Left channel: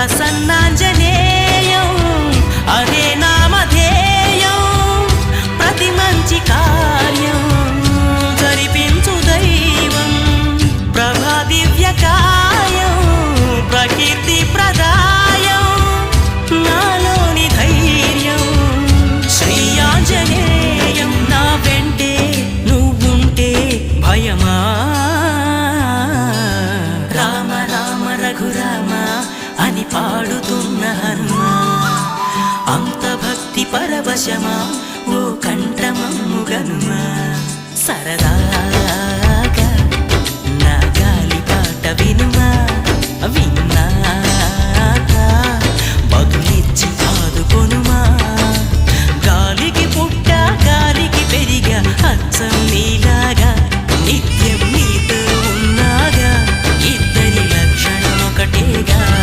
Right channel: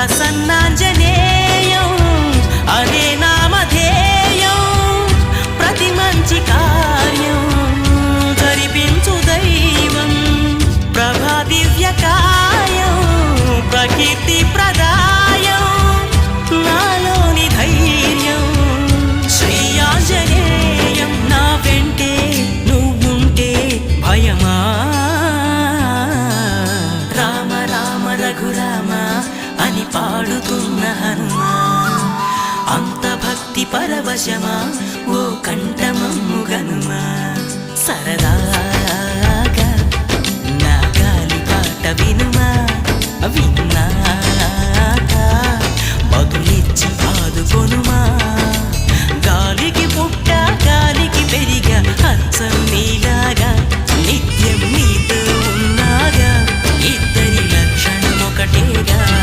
ప్రసన్నాంజనేయం అనే నామధేయం ప్రతి మంచి కార్యం జరిపించు దైవం. ప్రభా దివ్యకాయం ప్రకీర్తి ప్రదాయం నాలోని ధైర్యం. శ్రీయాంజనేయం నా వెంటే నువ్వుంటే భయమా? రామ రామ రఘురామ అని పాడుతున్న హనుమ అంత భక్తి పరవశమా ఓ కంఠమమ్ము గనుమ. సరదాగా నా గాలి పాట వినుమా. విన్నాక బదులిచ్చి ఆదుకొనుమా. గాలికి పుట్ట గాలికి పెరిగా అచ్చం నీలాగా నిత్యం నీతో ఉన్నాగా. ఇద్దరి లక్షణం ఒకటేగా